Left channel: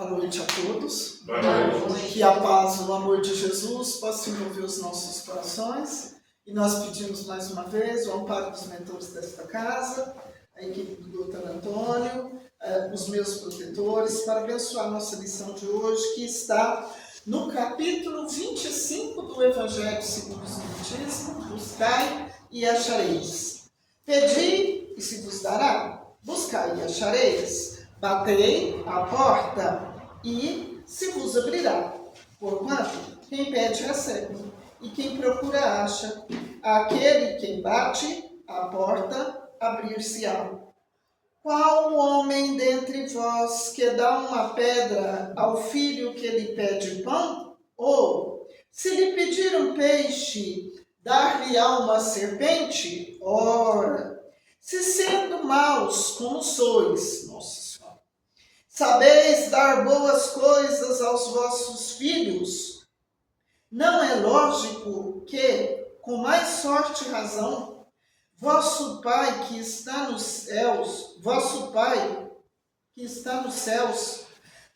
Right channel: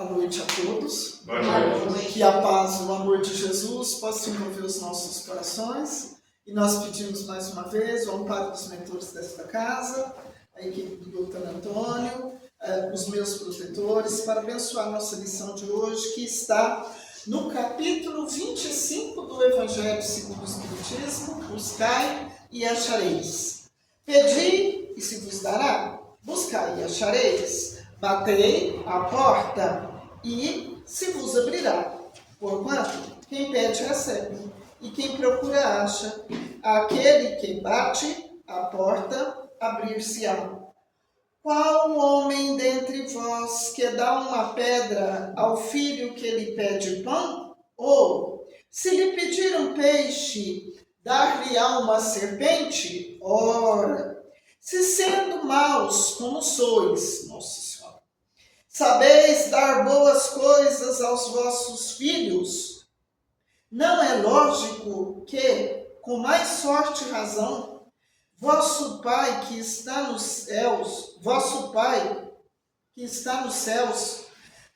Boa noite a todos. Boa noite. Que a paz e o amor de Jesus possam envolver os nossos corações. E nós pedimos mais uma vez o amparo dos mentores desta casa, a equipe do Dr. Antônio, os meus protetores, para abençoar a nossa lição de hoje, que está no capítulo 25 do Evangelho segundo o Espiritismo: buscai e achareis. Pedi e se vos dará, buscai e achareis, batei à porta e se vos abrirá. Porquanto quem pede recebe, e quem procura acha, aquele que bate à porta abrir-se-á. Qual homem dentre vós que dá uma pedra ao filho que lhe pede pão? Ou, se lhe pedir um peixe, dar-lhe-á uma serpente? Ora, se sendo maus como sois, Nossa Senhora, sabeis dar boas coisas aos vossos filhos, não é lógico que, com mais sorte e razão, vosso Pai que está nos céus,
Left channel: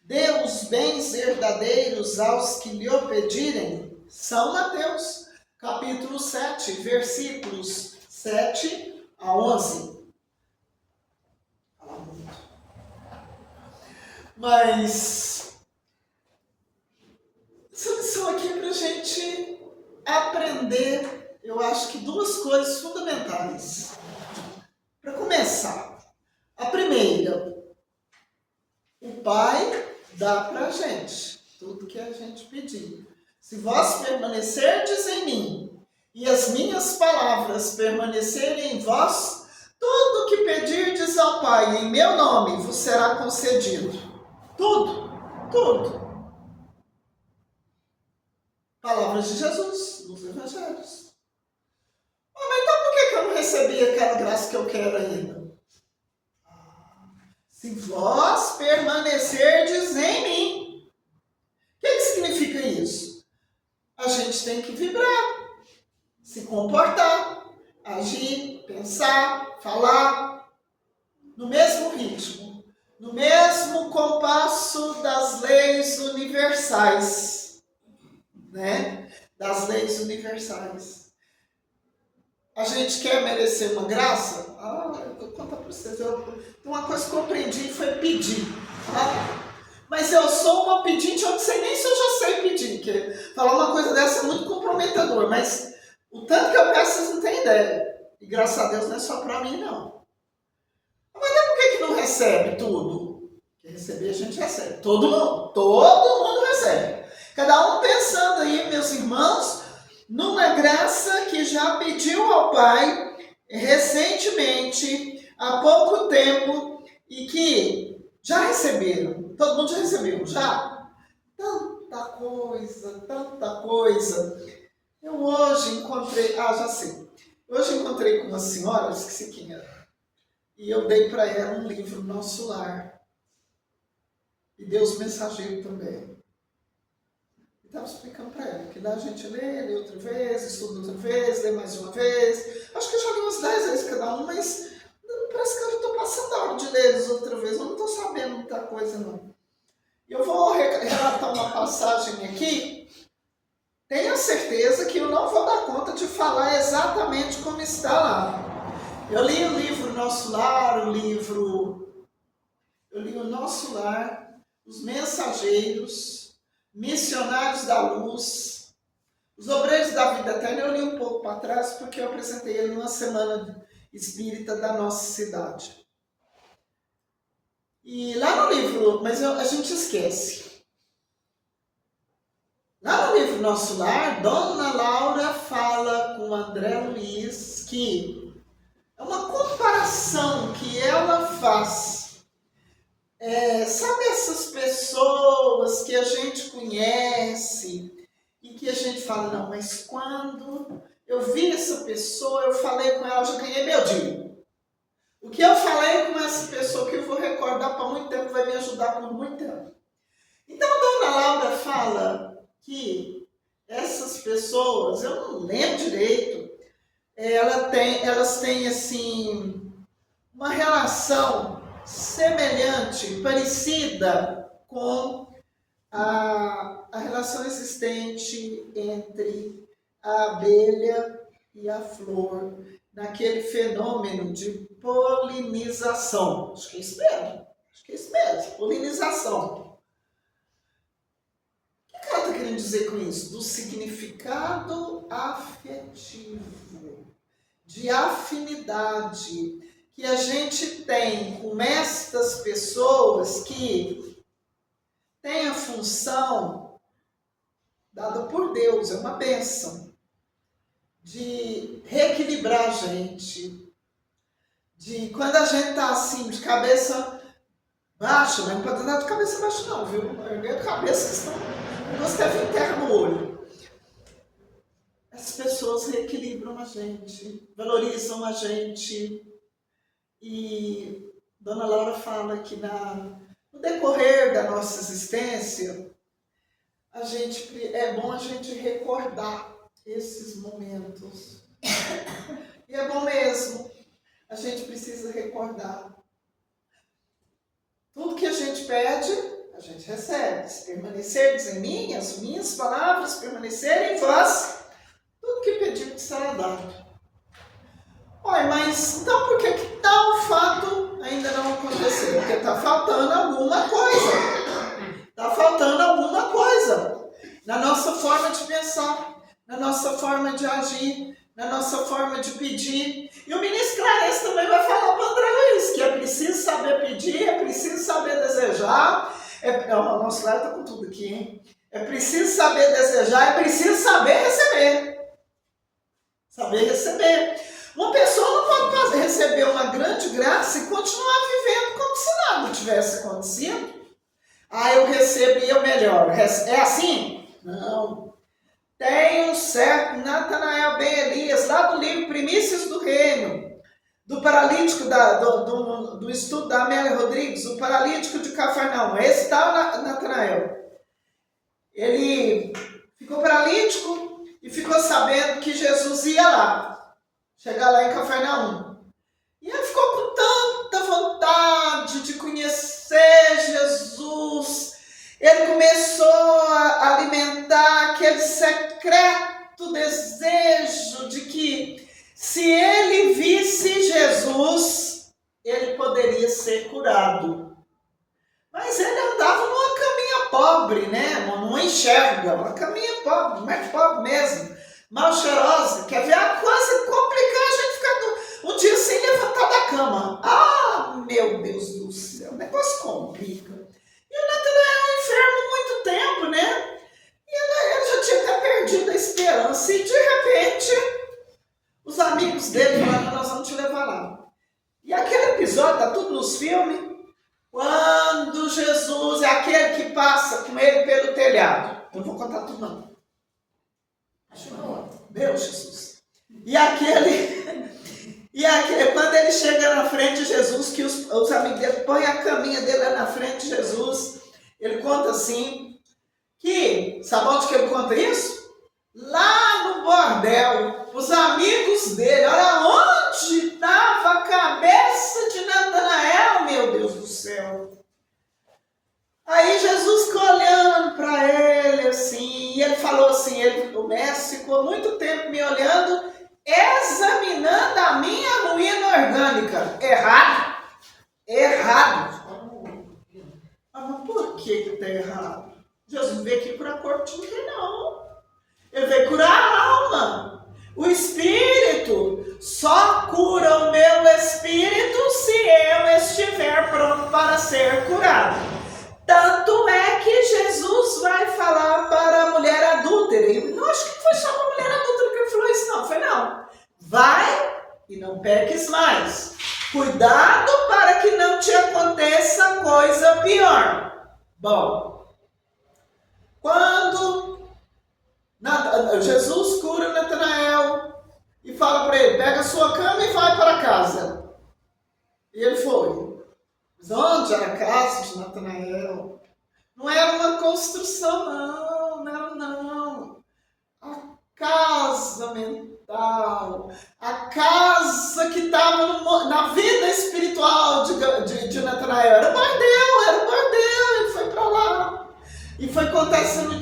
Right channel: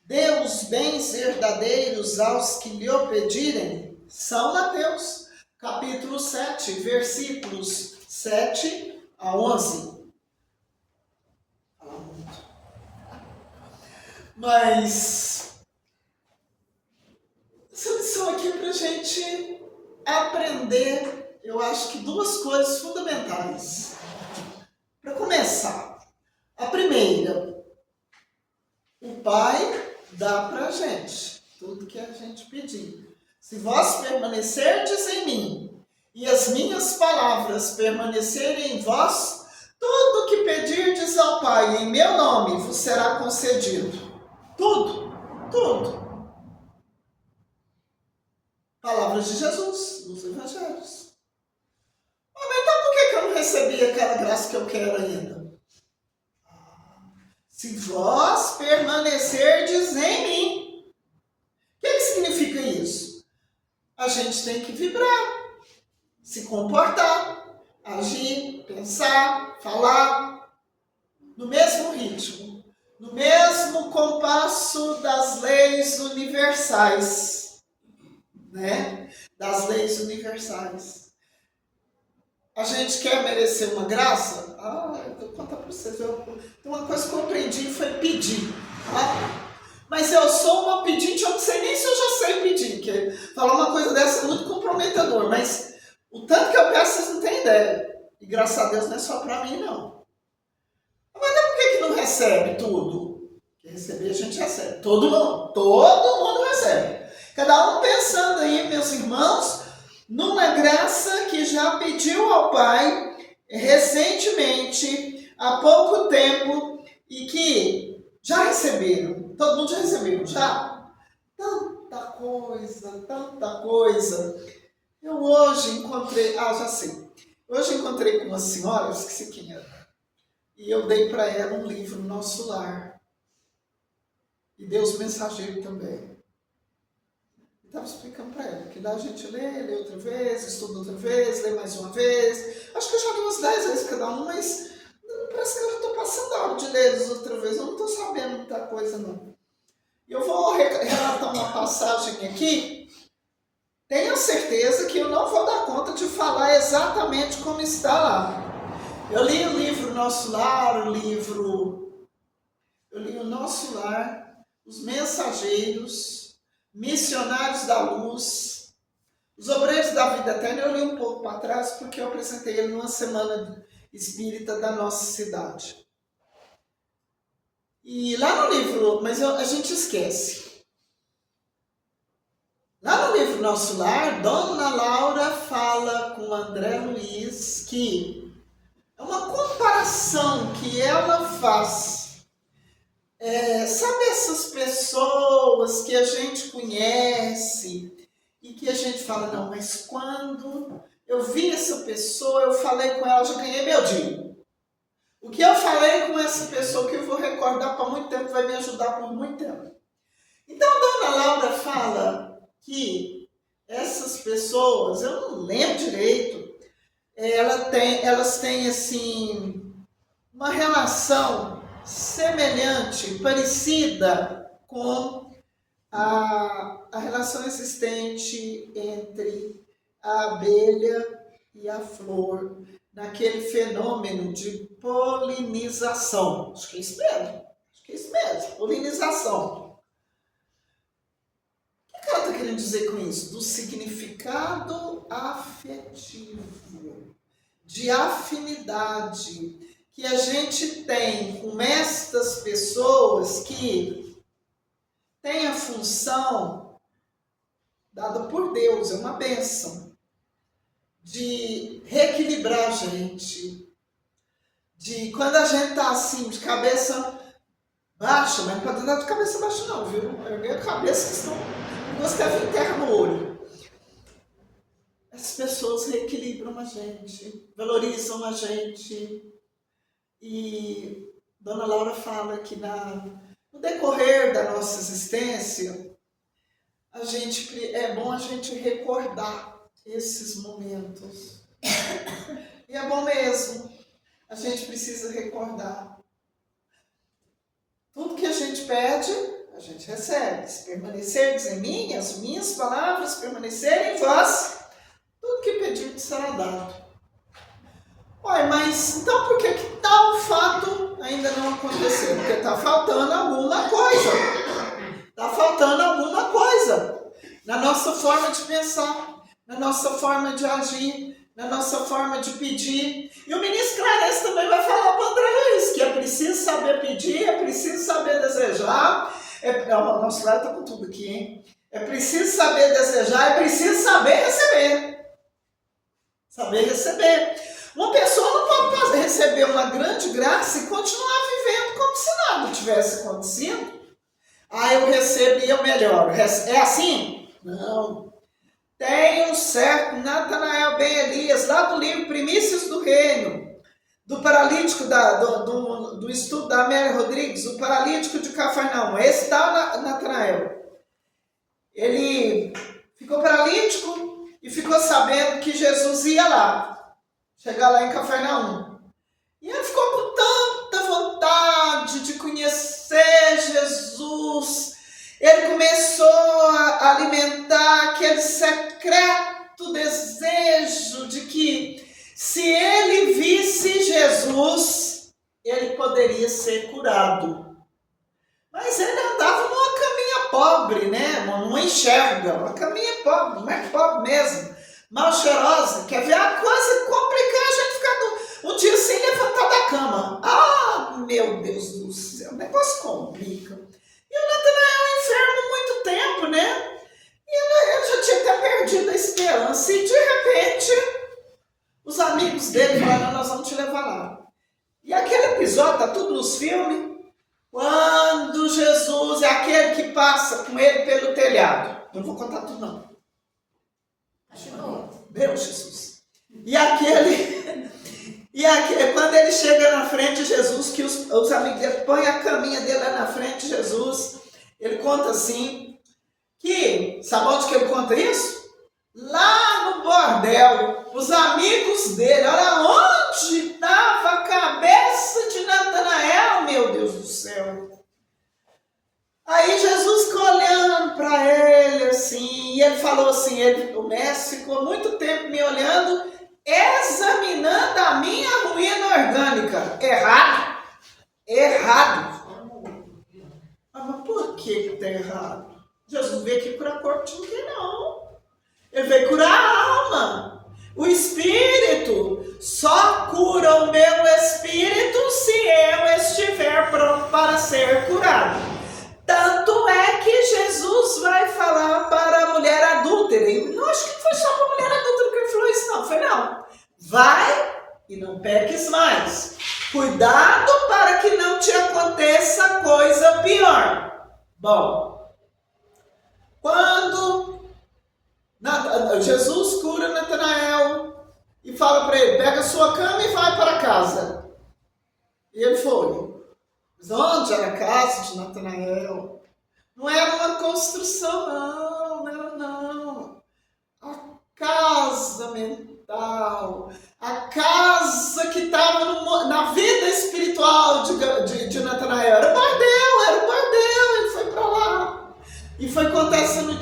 dê os bens verdadeiros aos que lhe o pedirem? São Mateus, capítulo 7, versículos 7 a 11. Fala muito. Mas essa lição aqui é para a gente aprender, eu acho que duas coisas fundamentais. Para começar, a primeira, o Pai dá para a gente tudo que a gente pedir. Se vós permanecerdes em mim e as minhas palavras permanecerem em vós, tudo que pedirdes ao Pai em meu nome vos será concedido. Tudo, tudo. Palavras de Jesus nos Evangelhos. Mas então por que eu não recebi aquela graça que eu quero ainda? Se vós permanecerdes em mim. O que significa isso? A gente tem que vibrar, se comportar, agir, pensar, falar no mesmo ritmo, no mesmo compasso das leis universais, né? Das leis universais. A gente quer merecer uma graça? Eu vou contar para vocês. Uma coisa que eu aprendi foi pedir. Mas eu sou uma pedinte, eu não sei nem se eu já sei pedir. Que falar uma coisa dessa é muito comprometedor, mas o tanto que eu peço, vocês não têm ideia. E graças a Deus não é só para mim, não. Mas por que não recebe tudo? Porque receber a gente recebe. Todo mundo recebe. Cada um pensando aí, meus irmãos, numa graça que já pediu ao Pai recentemente, há pouco tempo, e que já receberam. Todo mundo já recebeu, já? Tanta coisa. Eu hoje encontrei, já sei. Hoje encontrei com uma senhora, esqueci quem era, e eu dei para ela um livro, Nosso Lar. E Deus Mensageiro também. Estava explicando para ela que lá a gente lê outra vez, estuda outra vez, lê mais uma vez. Acho que eu já li umas 10 vezes cada um, mas parece que eu já estou passando a hora de ler eles outra vez. Eu não estou sabendo muita coisa, não. Eu vou relatar uma passagem aqui. Tenho certeza que eu não vou dar conta de falar exatamente como está lá. Eu li o livro Nosso Lar, Os Mensageiros, Missionários da Luz, Os Obreiros da Vida Eterna. Eu li um pouco para trás porque eu apresentei ele numa semana espírita da nossa cidade. E lá no livro, mas a gente esquece. Lá no livro Nosso Lar, Dona Laura fala com André Luiz que é uma comparação que ela faz. Sabe essas pessoas que a gente conhece e que a gente fala, não, mas quando eu vi essa pessoa, eu falei com ela, eu já ganhei meu dia. O que eu falei com essa pessoa que eu vou recordar por muito tempo, vai me ajudar por muito tempo. Então, Dona Laura fala que essas pessoas, eu não lembro direito, elas têm assim, uma relação semelhante, parecida com a relação existente entre a abelha e a flor, naquele fenômeno de polinização. Acho que é isso mesmo, polinização. O que ela está querendo dizer com isso? Do significado afetivo, de afinidade, que a gente tem com estas pessoas que têm a função dada por Deus, é uma bênção, de reequilibrar a gente, de quando a gente está assim, de cabeça baixa, mas não pode andar de cabeça baixa não, viu? Erguer a cabeça que estão, nós quer vir terra no olho. As pessoas reequilibram a gente, valorizam a gente. E Dona Laura fala que no decorrer da nossa existência, é bom a gente recordar esses momentos. E é bom mesmo, a gente precisa recordar. Tudo que a gente pede, a gente recebe. Se permanecerdes em mim, as minhas palavras permanecerem em vós, tudo que pedir será dado. Ué, mas então por que tal fato ainda não aconteceu? Porque está faltando alguma coisa. Está faltando alguma coisa na nossa forma de pensar, na nossa forma de agir, na nossa forma de pedir. E o ministro Clarence também vai falar para o André Luiz que é preciso saber pedir, é preciso saber desejar. O nosso Cláudio está com tudo aqui, hein? É preciso saber desejar, é preciso saber receber. Saber receber. Uma pessoa não pode receber uma grande graça e continuar vivendo como se nada tivesse acontecido. Eu recebi o melhor. É assim? Não. Tem um certo Natanael Ben Elias, lá do livro Primícias do Reino, do paralítico, do estudo da Amélia Rodrigues, o paralítico de Cafarnaum. Esse tal Natanael. Ele ficou paralítico e ficou sabendo que Jesus ia lá. Chegar lá em Cafarnaum. E ele ficou com tanta vontade de conhecer Jesus. Ele começou a alimentar aquele secreto desejo de que se ele visse Jesus, ele poderia ser curado. Mas ele andava numa caminha pobre, né? Não enxerga, uma caminha pobre, mas pobre mesmo. Mal cheirosa, quer ver a coisa complicar, a gente ficar um dia sem levantar da cama. Meu Deus do céu, o negócio complica. E o Natanael enfermo há muito tempo, né? E ele já tinha até perdido a esperança. E de repente, os amigos dele falaram, nós vamos te levar lá. E aquele episódio, tá tudo nos filmes, quando Jesus é aquele que passa com ele pelo telhado. Eu não vou contar tudo não. Meu Jesus. E quando ele chega na frente de Jesus, que os amigos dele põem a caminha dele lá na frente de Jesus, ele conta assim, sabe onde que ele conta isso? Lá no bordel, os amigos dele, olha onde estava a cabeça de Natanael, meu Deus do céu. Aí Jesus ficou olhando para ele assim, e ele falou assim, o mestre ficou muito tempo me olhando, examinando a minha ruína orgânica. Errado. Mas por que está errado? Jesus veio aqui curar corpo de ninguém, não. Ele veio curar a alma. O espírito só cura o meu espírito se eu estiver pronto para ser curado. Tanto é que Jesus vai falar para a mulher adúltera. E não acho que foi só para a mulher adúltera que ele falou isso, não. Foi não. Vai e não peques mais. Cuidado para que não te aconteça coisa pior. Bom, quando Jesus cura Natanael e fala para ele, pega a sua cama e vai para casa. E ele foi. Mas onde era a casa de Natanael? Não era uma construção, não. A casa mental, a casa que estava na vida espiritual de Natanael. Era o bordel, ele foi para lá.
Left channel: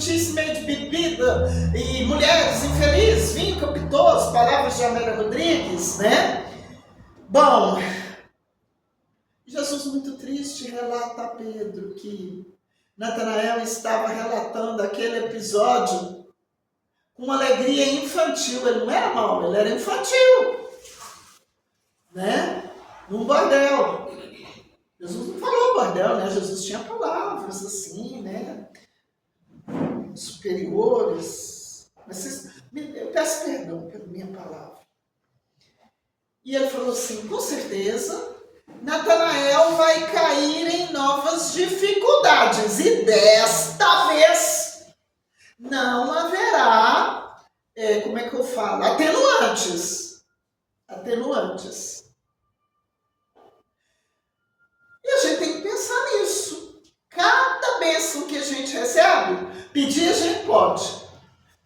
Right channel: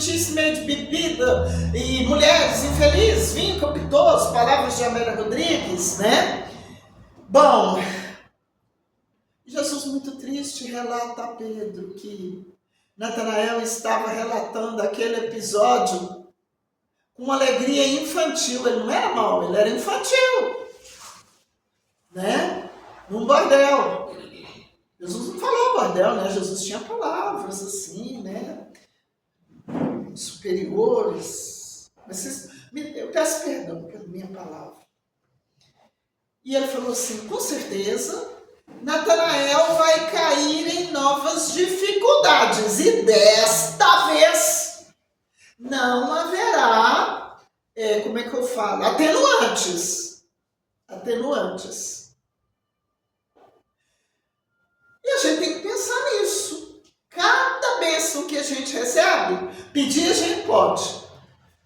notícia meio de bebida, e mulheres infelizes, vinho capitoso, palavras de Amélia Rodrigues, né? Bom, Jesus muito triste relata a Pedro que Natanael estava relatando aquele episódio com uma alegria infantil. Ele não era mau, ele era infantil, né? Num bordel. Jesus não falou bordel, né? Jesus tinha palavras assim, né? Superiores. Mas eu peço perdão pela minha palavra. E ele falou assim, com certeza, Natanael vai cair em novas dificuldades. E desta vez não haverá, como é que eu falo? Atenuantes. E a gente tem que pensar nisso. Cada bênção que a gente recebe, pedir a gente pode.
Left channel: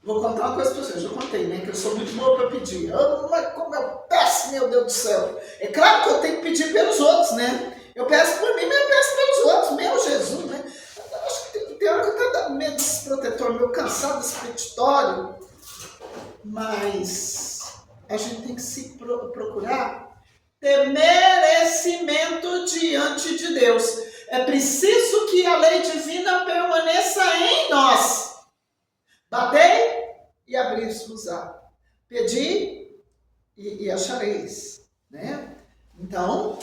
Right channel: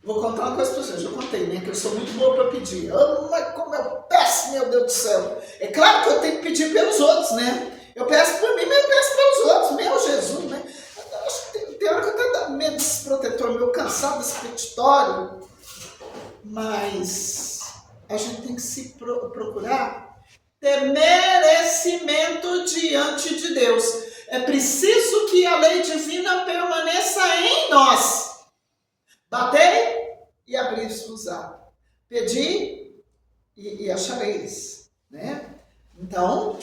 Vou contar uma coisa para vocês, eu contei, né? Que eu sou muito boa para pedir. Mas como eu peço, meu Deus do céu. É claro que eu tenho que pedir pelos outros, né? Eu peço por mim, mas eu peço pelos outros. Meu Jesus, né? Eu acho que tem hora que eu estou meio desprotetor, meio cansado desse petitório. Mas a gente tem que se procurar ter merecimento diante de Deus. É preciso que a lei divina permaneça em nós. Batei e abri-vos-á. Pedi e achareis, né? Então,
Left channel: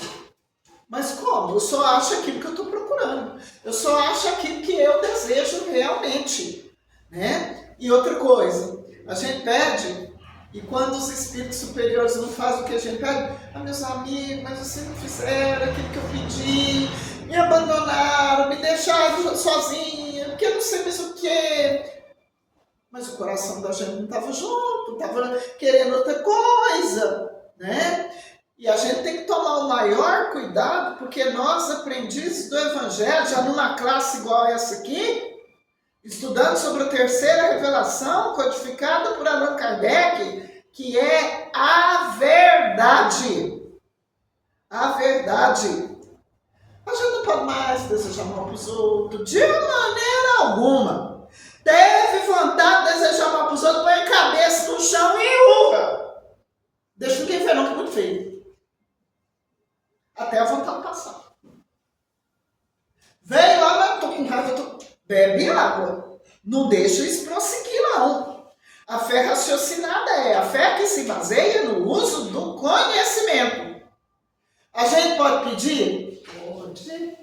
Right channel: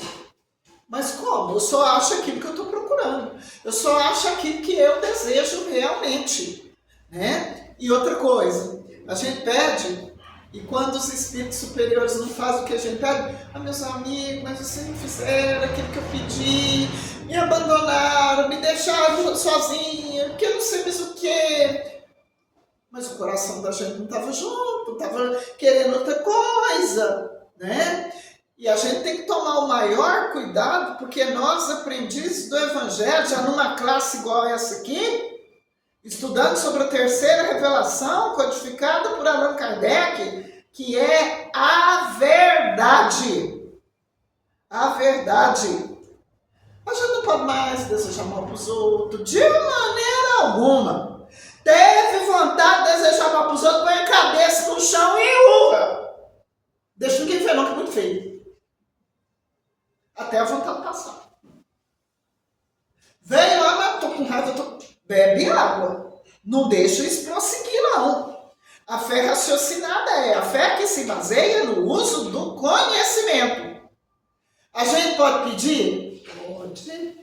mas como? Eu só acho aquilo que eu estou procurando. Eu só acho aquilo que eu desejo realmente, né? E outra coisa, a gente pede, e quando os espíritos superiores não fazem o que a gente pede, meus amigos, mas vocês não fizeram aquilo que eu pedi, me abandonaram, me deixaram sozinha, porque eu não sei mais o que. Mas o coração da gente não estava junto, estava querendo outra coisa, né? E a gente tem que tomar o maior cuidado, porque nós, aprendizes do Evangelho, já numa classe igual essa aqui, estudando sobre a terceira revelação, codificada por Allan Kardec, que é a verdade. A verdade. A gente não pode mais desejar mal para os outros, de maneira alguma. Teve vontade de desejar mal para os outros, põe a cabeça no chão e urra. Deixa ninguém ver não, que é muito feio. Até a vontade passar. Veio lá, mas estou com raiva, bebe água. Não deixa isso prosseguir, não. A fé raciocinada é a fé que se baseia no uso do conhecimento. A gente pode pedir? Pode.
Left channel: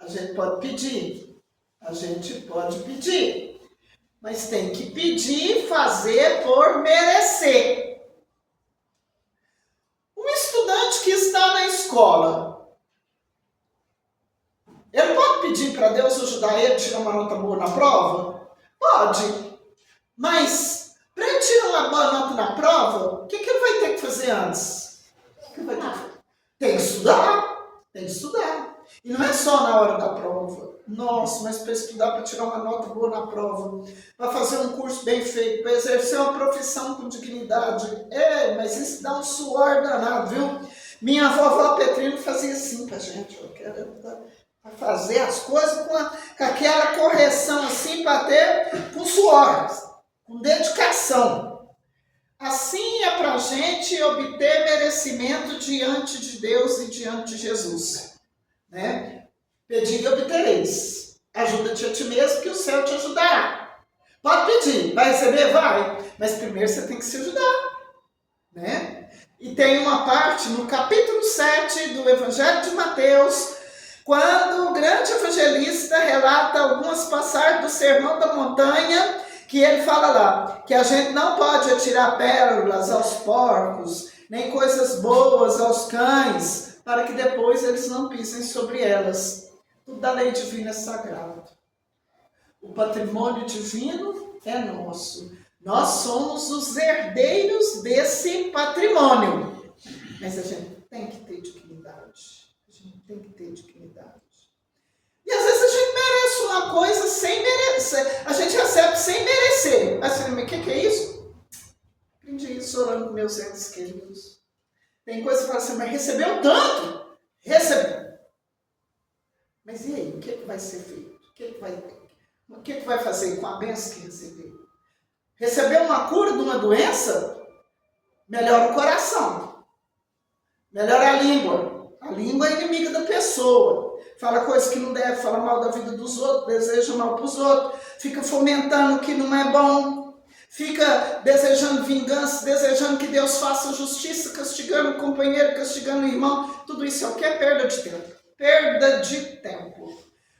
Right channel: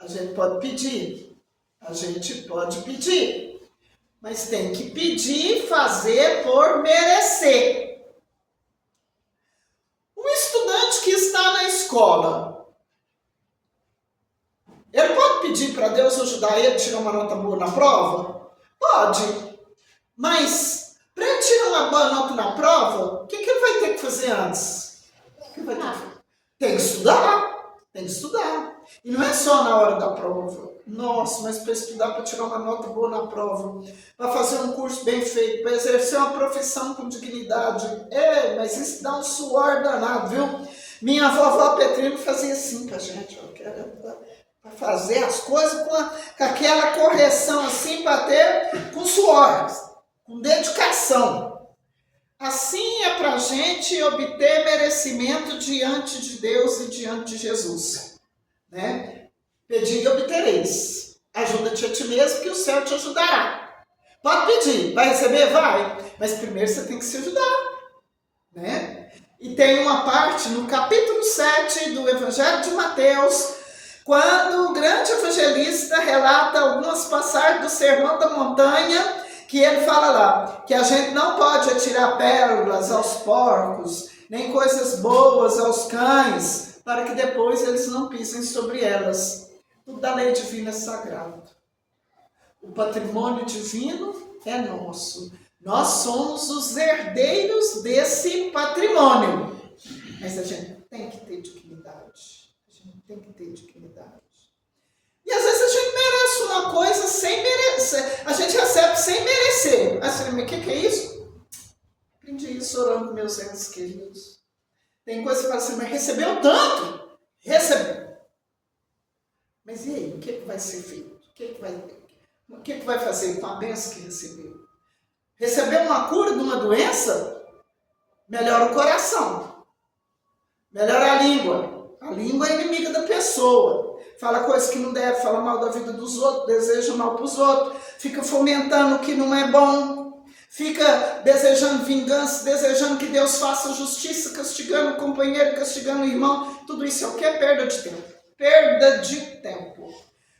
A gente pode pedir. A gente pode pedir. Mas tem que pedir e fazer por merecer. Um estudante que está na escola, ele pode pedir para Deus ajudar ele a tirar uma nota boa na prova? Pode. Mas, para ele tirar uma boa nota na prova, o que ele vai ter que fazer antes? O que ele vai ter que fazer? Tem que estudar. Tem que estudar. E não é só na hora da prova. Nossa, mas para estudar, para tirar uma nota boa na prova, para fazer um curso bem feito, para exercer uma profissão com dignidade. Mas isso dá um suor danado, viu? Minha vovó Petrino fazia assim pra gente, para fazer as coisas com aquela correção assim, para ter com suor, com dedicação. Assim é para a gente obter merecimento diante de Deus e diante de Jesus, né? Pedi e obtereis. Ajuda-te a ti mesmo, que o céu te ajudará. Pode pedir, vai receber? Vai. Mas primeiro você tem que se ajudar, né? E tem uma parte no capítulo 7 do Evangelho de Mateus, quando o grande evangelista relata algumas passagens do Sermão da Montanha, que ele fala lá, que a gente não pode atirar pérolas aos porcos, nem coisas boas aos cães, para que depois eles não pisem sobre elas. Tudo da lei divina é sagrado. O patrimônio divino é nosso. Nós somos os herdeiros desse patrimônio. Mas a gente tem que ter dignidade. A gente tem que ter dignidade. E às vezes a gente merece uma coisa sem merecer. A gente recebe sem merecer. Aí você fala, mas o que é isso? Aprendi isso orando com meus entes queridos. Tem coisa que você fala assim, mas recebeu tanto? Recebeu. Mas e aí, o que vai ser feito? O que vai ter? O que vai fazer com a bênção que recebeu? Recebeu uma cura de uma doença? Melhora o coração. Melhora a língua. A língua é inimiga da pessoa. Fala coisas que não deve, fala mal da vida dos outros, deseja mal para os outros, fica fomentando o que não é bom, fica desejando vingança, desejando que Deus faça justiça, castigando o companheiro, castigando o irmão. Tudo isso é o que? É perda de tempo. Perda de tempo.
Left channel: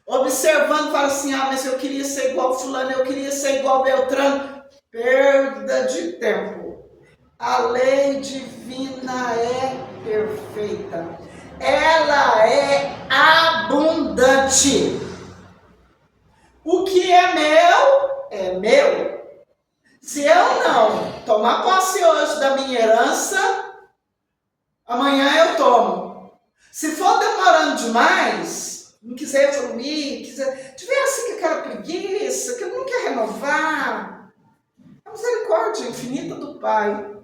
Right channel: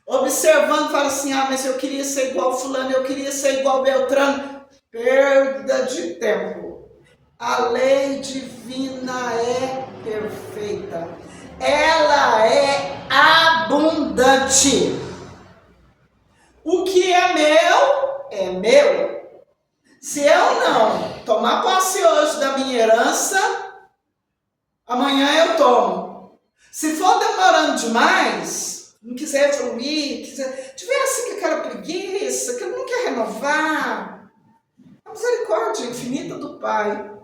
Observando, fala assim, mas eu queria ser igual fulano, eu queria ser igual Beltrano. Perda de tempo. A lei divina é perfeita. Ela é abundante. O que é meu, é meu. Se eu não tomar posse hoje da minha herança, amanhã eu tomo. Se for demorando demais, não quiser evoluir, tiver assim com aquela preguiça, que não quer renovar, a misericórdia infinita do Pai,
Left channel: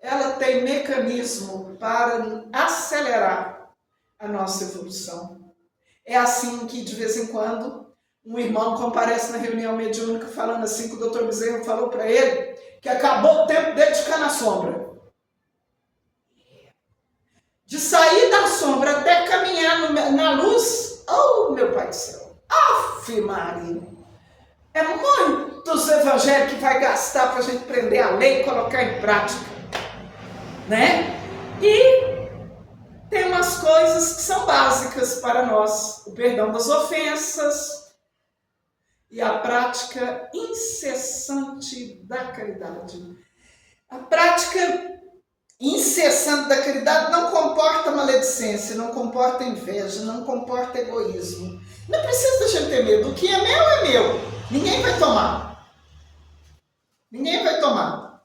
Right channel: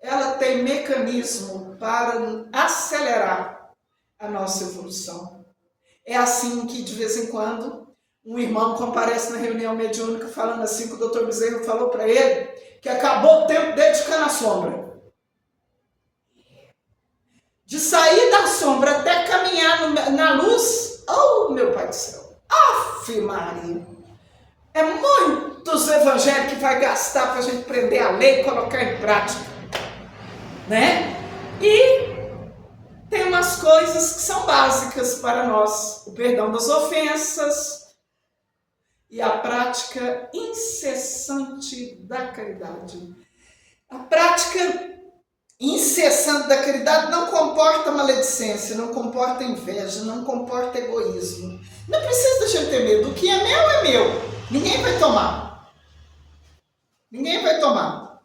ela tem mecanismo para acelerar a nossa evolução. É assim que, de vez em quando, um irmão comparece na reunião mediúnica falando assim que o Dr. Bezerra falou para ele que acabou o tempo dele de ficar na sombra. De sair da sombra até caminhar na luz, oh meu Pai do céu, Afe Maria, é muitos evangelhos que vai gastar para a gente prender a lei e colocar em prática, né? E tem umas coisas que são básicas para nós, o perdão das ofensas e a prática incessante da caridade. A prática incessante da caridade não comporta maledicência, não comporta inveja, não comporta egoísmo. Não precisa da gente ter medo. O que é meu é meu. Ninguém vai tomar. Ninguém vai tomar.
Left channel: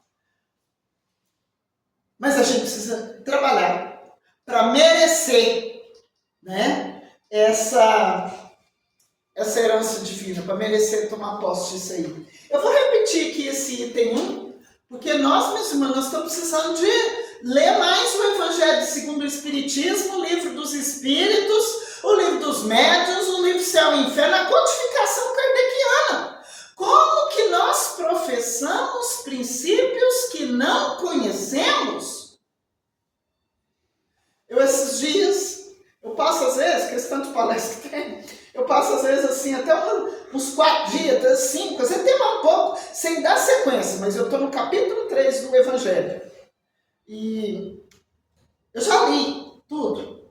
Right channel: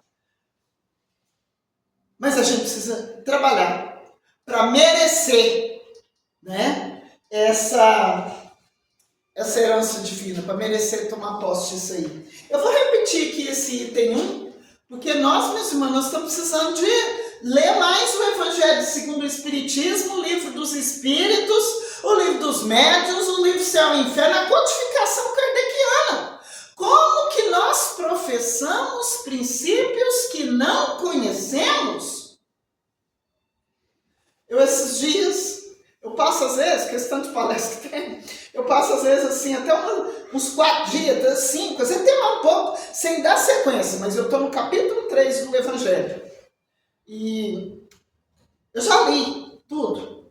Mas a gente precisa trabalhar para merecer, né, essa herança divina, para merecer tomar posse disso aí. Eu vou repetir aqui esse item 1, porque nós, meus irmãos, nós estamos precisando de ler mais o Evangelho segundo o Espiritismo, o Livro dos Espíritos, o Livro dos Médiuns, o Livro Céu e Inferno, a codificação kardeciana. Como que nós professamos princípios que não conhecemos? Eu, esses dias, eu passo às vezes, questão de palestra que tem, eu passo às vezes assim, até uns 4 dias, 5, às vezes até mais um pouco, sem dar sequência, mas eu estou no capítulo 3 do Evangelho. E eu já li tudo,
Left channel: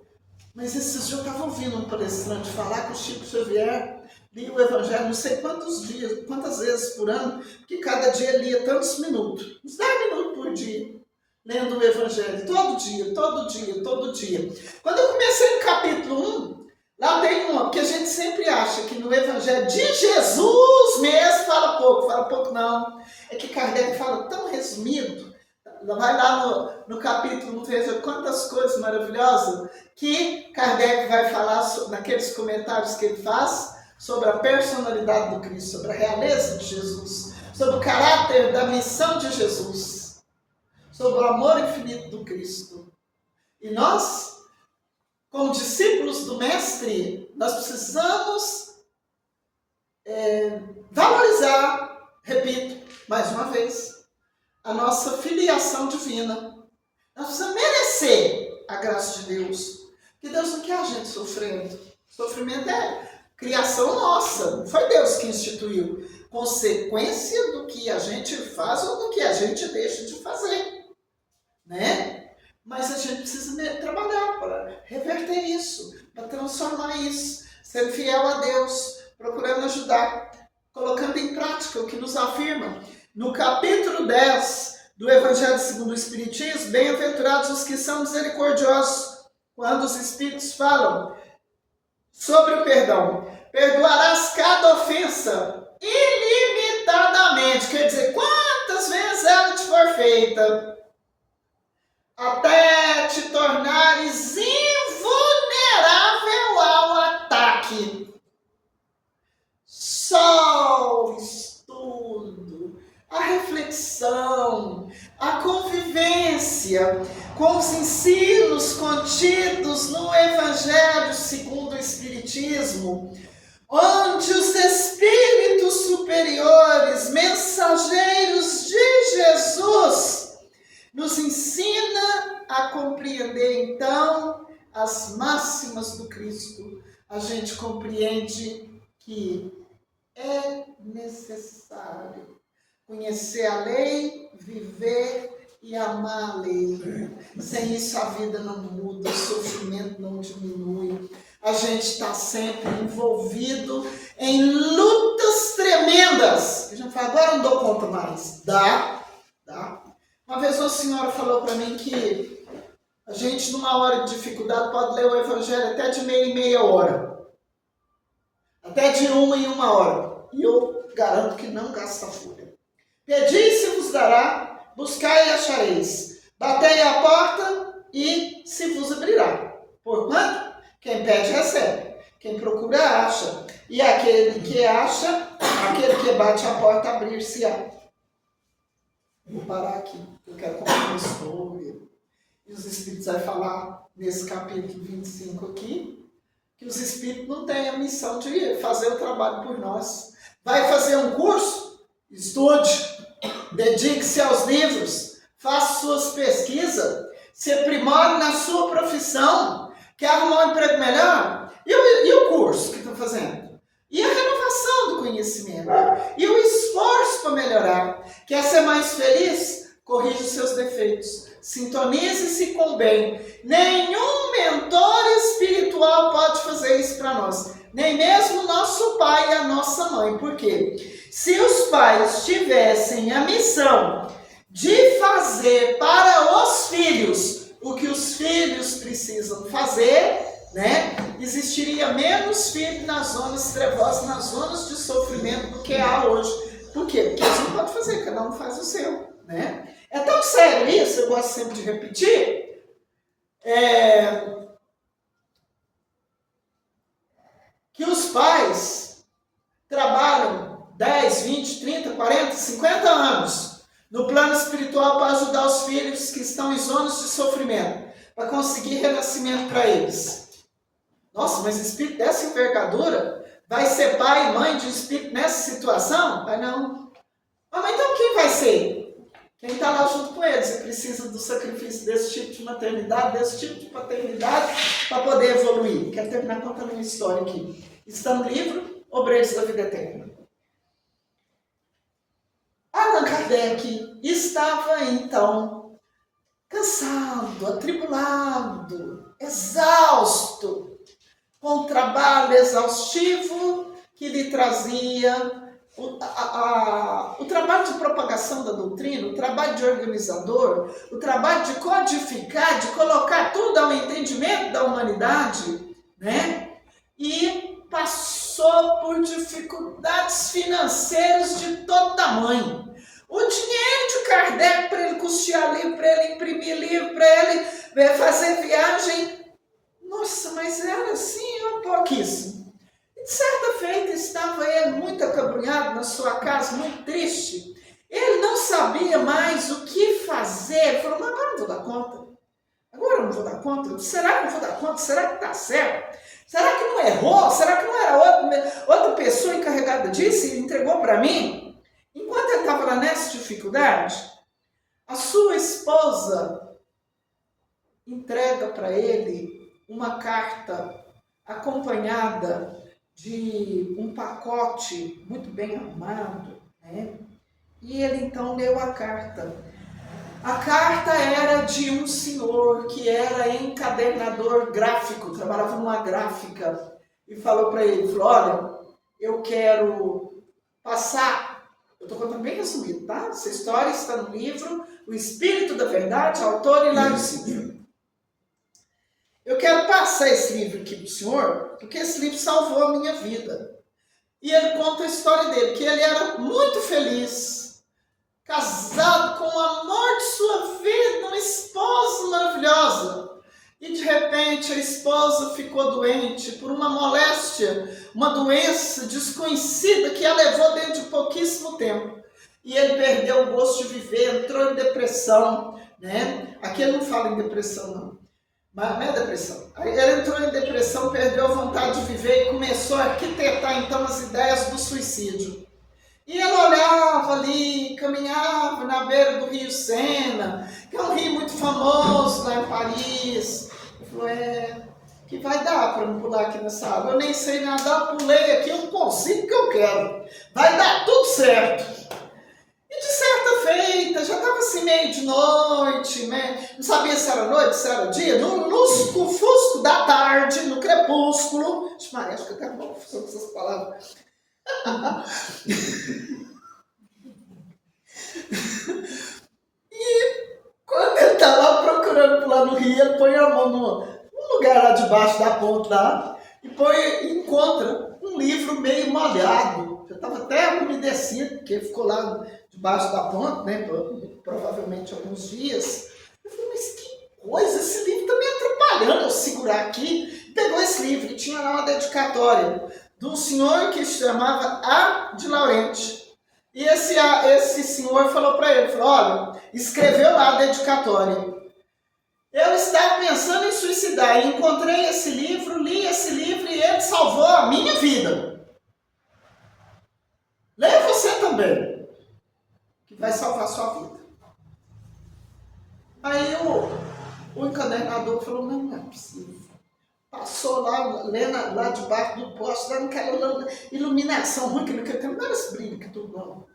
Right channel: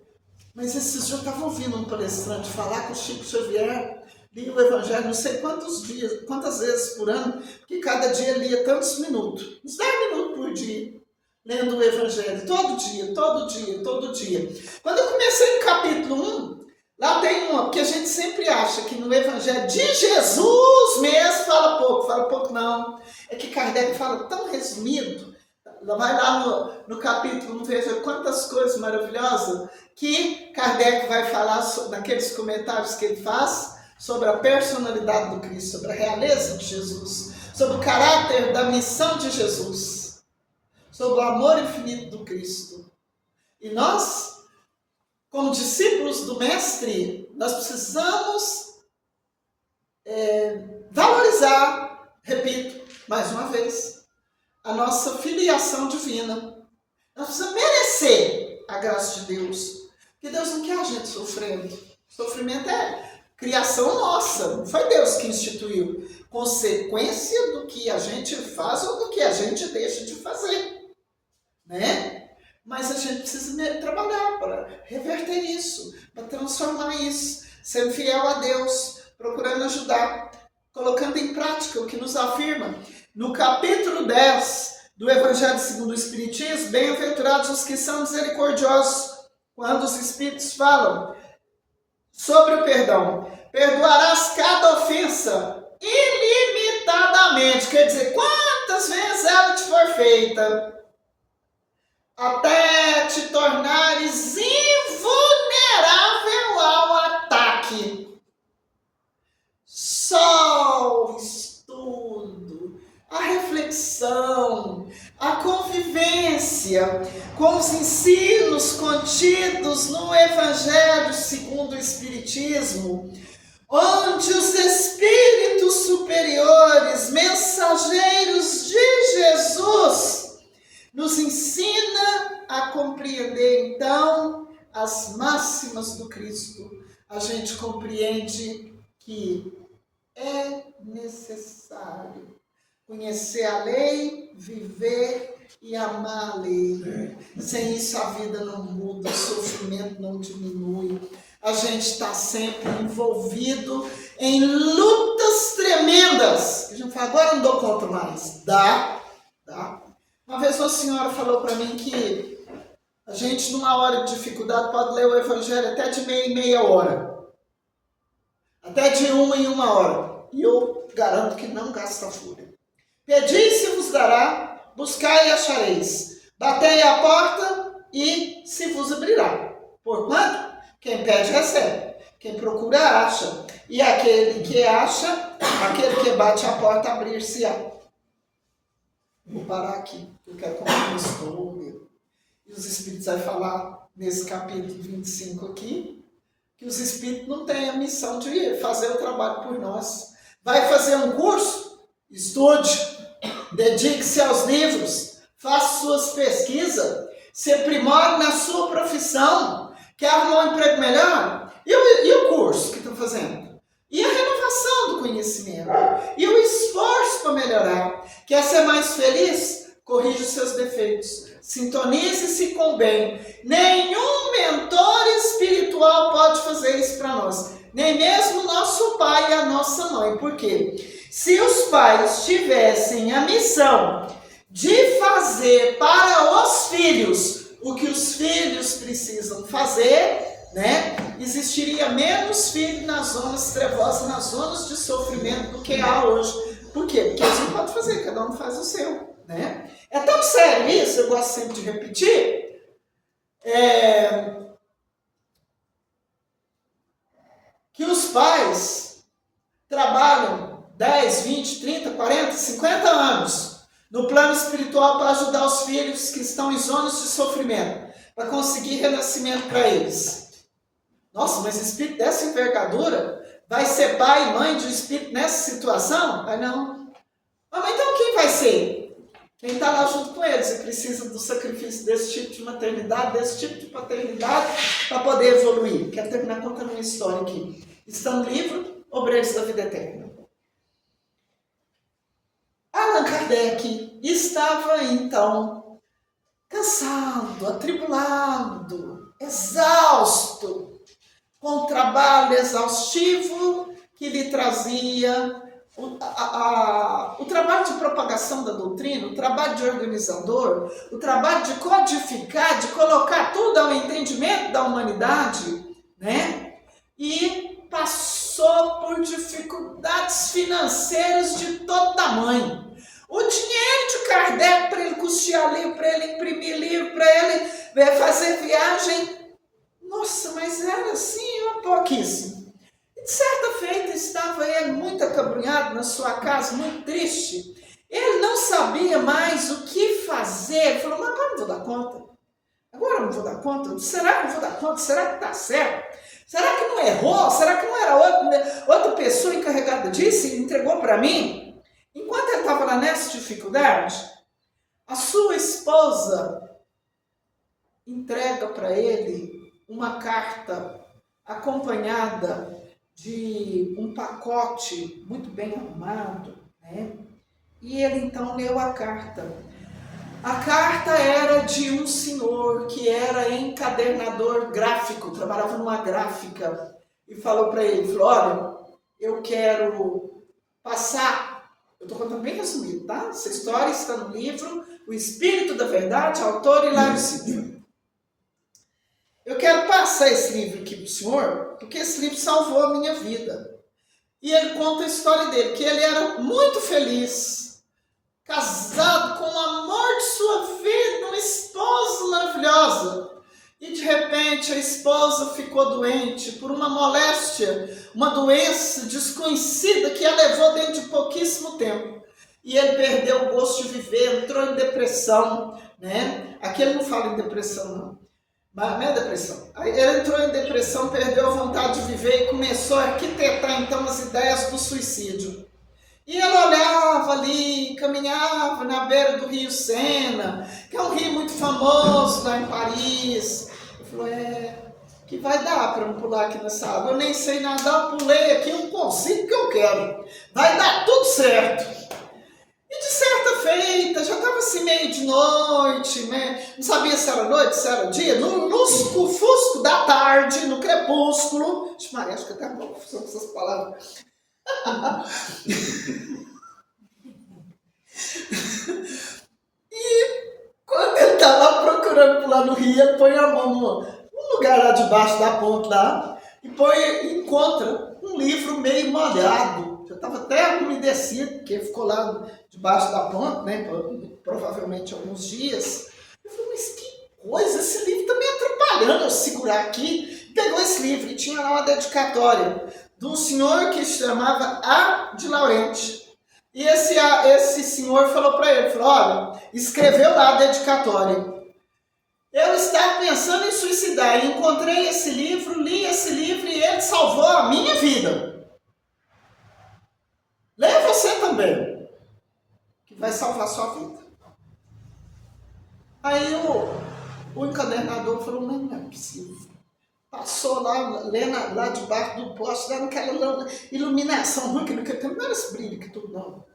mas esses dias eu estava ouvindo um palestrante falar que o Chico Xavier lia o Evangelho não sei quantos dias, quantas vezes por ano, porque cada dia lia tantos minutos, uns 10 minutos por dia, lendo o Evangelho, todo dia, todo dia, todo dia. Quando eu comecei no capítulo 1, lá tem uma, porque a gente sempre acha que no Evangelho de Jesus mesmo fala pouco não. É que Kardec fala tão resumido, vai lá no capítulo 1, veja quantas coisas maravilhosas que Kardec vai falar naqueles comentários que ele faz sobre a personalidade do Cristo, sobre a realeza de Jesus, sobre o caráter da missão de Jesus, sobre o amor infinito do Cristo. E nós, como discípulos do Mestre, nós precisamos valorizar, repito, mais uma vez, a nossa filiação divina. Nós precisamos merecer a graça de Deus, porque Deus não quer a gente sofrendo. Sofrimento é criação nossa, não foi Deus que instituiu. Consequência do que a gente faz ou do que a gente deixa de fazer, né? Mas a gente precisa trabalhar para reverter isso, para transformar isso, sendo fiel a Deus, procurando ajudar, colocando em prática o que nos afirma. No capítulo 10 do Evangelho segundo o Espiritismo, bem-aventurados os que são misericordiosos, quando os Espíritos falam sobre o perdão. Perdoarás cada ofensa ilimitadamente, quer dizer, quantas vezes ela te for feita, até te tornares invulnerável ao ataque. Só o estudo, a reflexão, a convivência com os ensinos contidos no Evangelho segundo o Espiritismo onde os espíritos superiores, mensageiros de Jesus, nos ensina a compreender, então, as máximas do Cristo. A gente compreende que é necessário conhecer a lei, viver e amar a lei. Sem isso a vida não muda, o sofrimento não diminui. A gente está sempre envolvido em lutas tremendas. A gente fala, agora não dou conta mais. Dá. Uma vez uma senhora falou para mim que a gente, numa hora de dificuldade, pode ler o Evangelho até de meia em meia hora. Até de uma em uma hora. E eu garanto que não gasta fúria. Pedi e se vos dará, buscai e achareis. Batei à porta e se vos abrirá. Porquanto, quem pede recebe. Quem procura acha. E aquele que acha, aquele que bate à porta, abrir-se-á. Vou parar aqui. Eu quero contar uma história. E os Espíritos vão falar nesse capítulo 25 aqui, que os Espíritos não têm a missão de fazer o trabalho por nós. Vai fazer um curso? Estude, dedique-se aos livros, faça suas pesquisas, se aprimore na sua profissão, quer arrumar um emprego melhor? E o curso que estão fazendo? E a renovação do conhecimento? E o esforço para melhorar? Quer ser mais feliz? Corrija os seus defeitos. Sintonize-se com o bem. Nenhum mentor espiritual pode fazer isso para nós. Nem mesmo nosso pai e a nossa mãe. Por quê? Se os pais tivessem a missão de fazer para os filhos o que os filhos precisam fazer, né? Existiria menos filhos nas zonas trevosas, nas zonas de sofrimento do que há hoje. Por quê? Porque eles não podem fazer, cada um faz o seu, né? É tão sério isso, eu gosto sempre de repetir, que os pais trabalham 10, 20, 30, 40, 50 anos no plano espiritual para ajudar os filhos que estão em zonas de sofrimento, para conseguir renascimento para eles. Nossa, mas espírito dessa envergadura vai ser pai e mãe de um espírito nessa situação? Vai não. Mas então quem vai ser? Quem está lá junto com eles e precisa do sacrifício desse tipo de maternidade, desse tipo de paternidade, para poder evoluir. Quero terminar contando uma história aqui. Está no livro Obreiros da Vida Eterna. Allan Kardec estava, então, cansado, atribulado, exausto, com o trabalho exaustivo que lhe trazia o trabalho de propagação da doutrina, o trabalho de organizador, o trabalho de codificar, de colocar tudo ao entendimento da humanidade, né? E passou por dificuldades financeiras de todo tamanho. O dinheiro de Kardec para ele custear livro, para ele imprimir livro, para ele fazer viagem, nossa, mas era assim, pouquíssimo. De certa feita estava ele muito acabrunhado na sua casa, muito triste. Ele não sabia mais o que fazer. Ele falou, mas agora não vou dar conta. Agora eu não vou dar conta. Será que eu vou dar conta? Será que está certo? Será que não errou? Será que não era outra pessoa encarregada disso e entregou para mim? Enquanto ele estava nessa dificuldade, a sua esposa entrega para ele uma carta acompanhada de um pacote muito bem arrumado, né? E ele então leu a carta. A carta era de um senhor que era encadernador gráfico, trabalhava numa gráfica, e falou para ele, falou, olha, eu quero passar, eu estou contando bem resumido, tá? Essa história está no livro O Espírito da Verdade, autor Hilário Silva. Eu quero passar esse livro aqui para o senhor, porque esse livro salvou a minha vida. E ele conta a história dele, que ele era muito feliz, casado com o amor de sua vida, uma esposa maravilhosa. E de repente a esposa ficou doente por uma moléstia, uma doença desconhecida que a levou dentro de pouquíssimo tempo. E ele perdeu o gosto de viver, entrou em depressão, né? Aqui ele não fala em depressão não. Mas não é depressão. Aí ele entrou em depressão, perdeu a vontade de viver e começou a arquitetar então as ideias do suicídio. E ela olhava ali, caminhava na beira do rio Sena, que é um rio muito famoso lá em Paris. Ele falou, que vai dar para eu pular aqui nessa água? Eu nem sei nadar, eu pulei aqui, eu consigo o que eu quero. Vai dar tudo certo. E de certa feita, já estava assim meio de noite, né? Não sabia se era noite, se era dia, no lusco-fusco da tarde, no crepúsculo. Maria, acho que eu até uma confusão com essas palavras. E quando ele está lá procurando pular no rio, ele põe a mão num lugar lá debaixo da ponte lá e encontra um livro meio molhado. Já estava até umedecido, porque ficou lá debaixo da ponte, né? Provavelmente alguns dias. Eu falei, mas que coisa, esse livro está me atrapalhando eu segurar aqui. Pegou esse livro e tinha lá uma dedicatória de um senhor que se chamava A. de Laurenti. E esse senhor falou para ele, falou, olha, escreveu lá a dedicatória. Eu estava pensando em suicidar e encontrei esse livro, li esse livro e ele salvou a minha vida. Leia você também, que vai salvar a sua vida. Aí o encadernador falou, não é possível. Passou lá, lendo lá debaixo do poste, lá naquela iluminação ruim, que naquele tempo não era esse brilho que tudo não.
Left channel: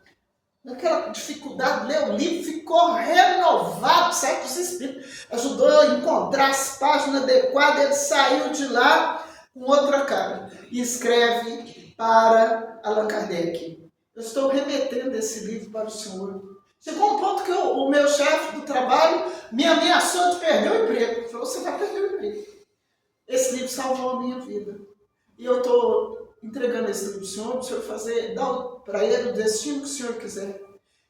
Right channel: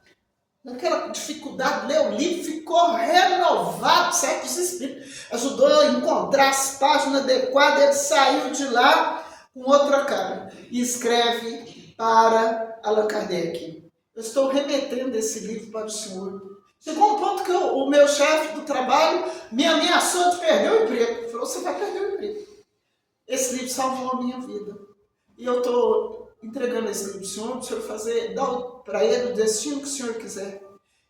Naquela dificuldade, ler o livro, ficou renovado, certos espíritos. Ajudou a encontrar as páginas adequadas, ele saiu de lá com outra cara. E escreve para Allan Kardec. Eu estou remetendo esse livro para o senhor. Chegou um ponto que o meu chefe do trabalho me ameaçou de perder o emprego. Ele falou, você vai perder o emprego. Esse livro salvou a minha vida. E eu estou entregando esse livro para o senhor fazer, dar para ele o destino que o senhor quiser.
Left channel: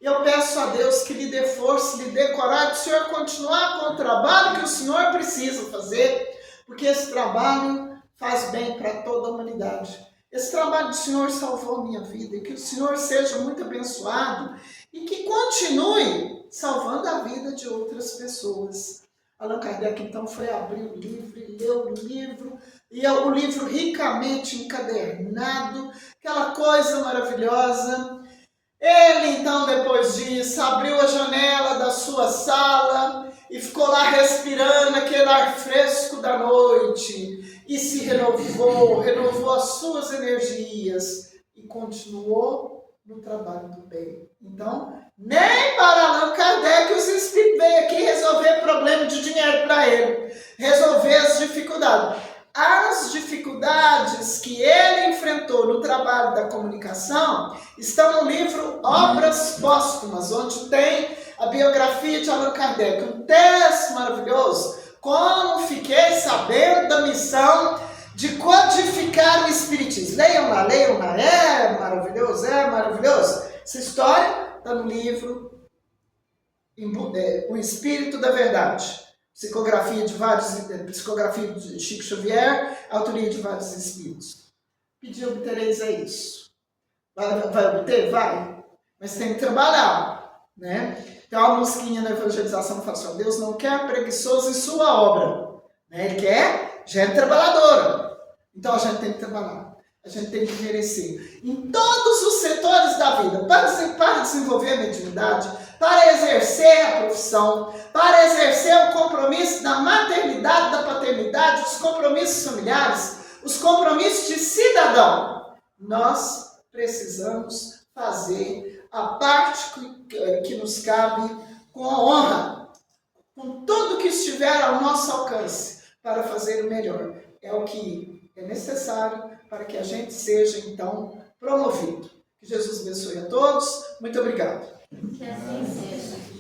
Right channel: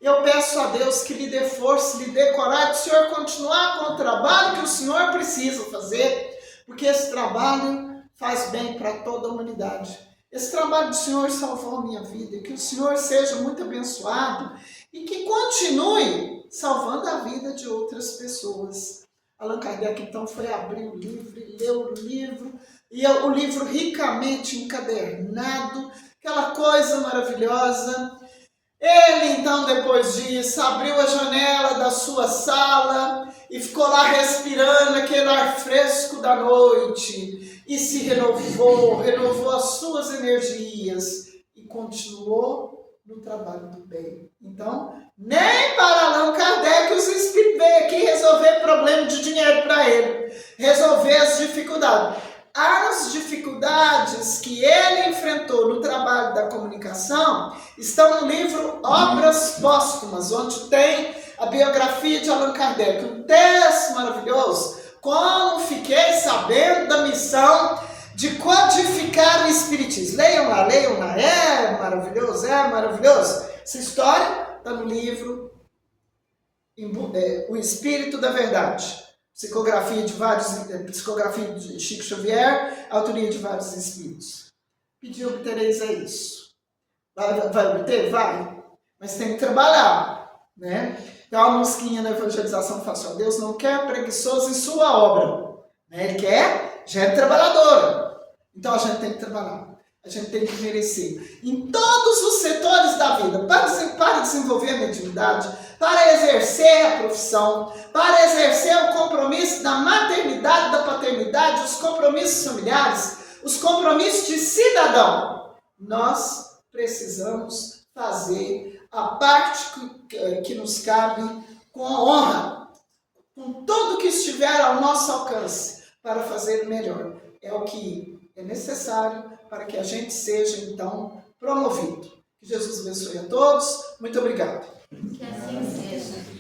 Eu peço a Deus que lhe dê força, lhe dê coragem, para o senhor continuar com o trabalho que o senhor precisa fazer, porque esse trabalho faz bem para toda a humanidade. Esse trabalho do senhor salvou a minha vida, e que o senhor seja muito abençoado e que continue salvando a vida de outras pessoas. Allan Kardec, então, foi abrir o livro e leu o livro, e o livro ricamente encadernado, aquela coisa maravilhosa. Ele, então, depois disso, abriu a janela da sua sala e ficou lá respirando aquele ar fresco da noite, e se renovou as suas energias, e continuou no trabalho do bem. Então, nem para Allan Kardec os espíritos veio aqui resolver problema de dinheiro para ele, resolver as dificuldades. As dificuldades que ele enfrentou no trabalho da comunicação estão no livro Obras Póstumas, onde tem a biografia de Allan Kardec, um texto maravilhoso, como fiquei sabendo da missão de codificar o Espiritismo. Leiam lá, é maravilhoso, Essa história está no livro O Espírito da Verdade. Psicografia de Chico Xavier, autoria de vários espíritos. Pedir obtereis é isso. Vai obter? Vai. Mas tem que trabalhar, né? Tem uma musiquinha na evangelização que fala assim, Deus não quer preguiçoso em sua obra, né? Ele quer gente trabalhadora. Então a gente tem que trabalhar. A gente tem que merecer. Em todos os setores da vida, para desenvolver a mediunidade, para exercer a profissão, para exercer o compromisso da maternidade, da paternidade, os compromissos familiares, os compromissos de cidadão, nós precisamos fazer a parte que nos cabe com honra, com tudo que estiver ao nosso alcance, para fazer o melhor. É o que é necessário para que a gente seja, então, promovido. Que Jesus abençoe a todos. Muito obrigado. Que assim seja.